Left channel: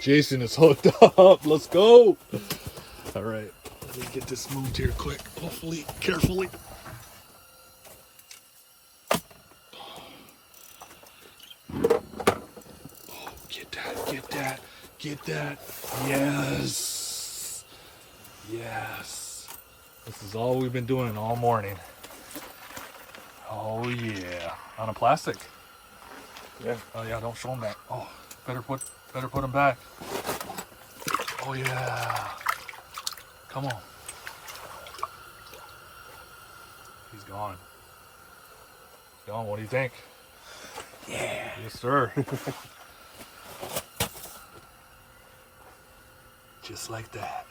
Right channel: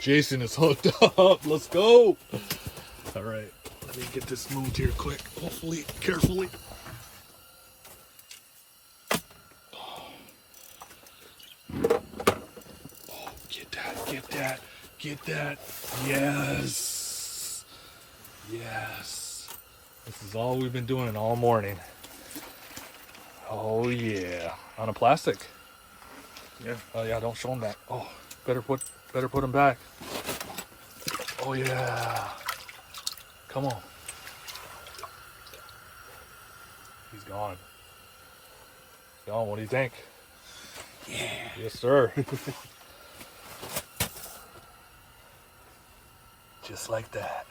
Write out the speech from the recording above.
Jason is hooked up. Let's go. All right. Let me get this moved here quick. Hopefully, carefully. Oh, get that, get that, get that. Yes. Yes. This is all we've been doing all morning. Oh yeah. On a plastic. Yeah. Oh yeah, don't show him that. Oh, better put him back. Oh yeah. Come on. He's gone. Gone, what do you think? Yeah. Yes, sir. Just like that.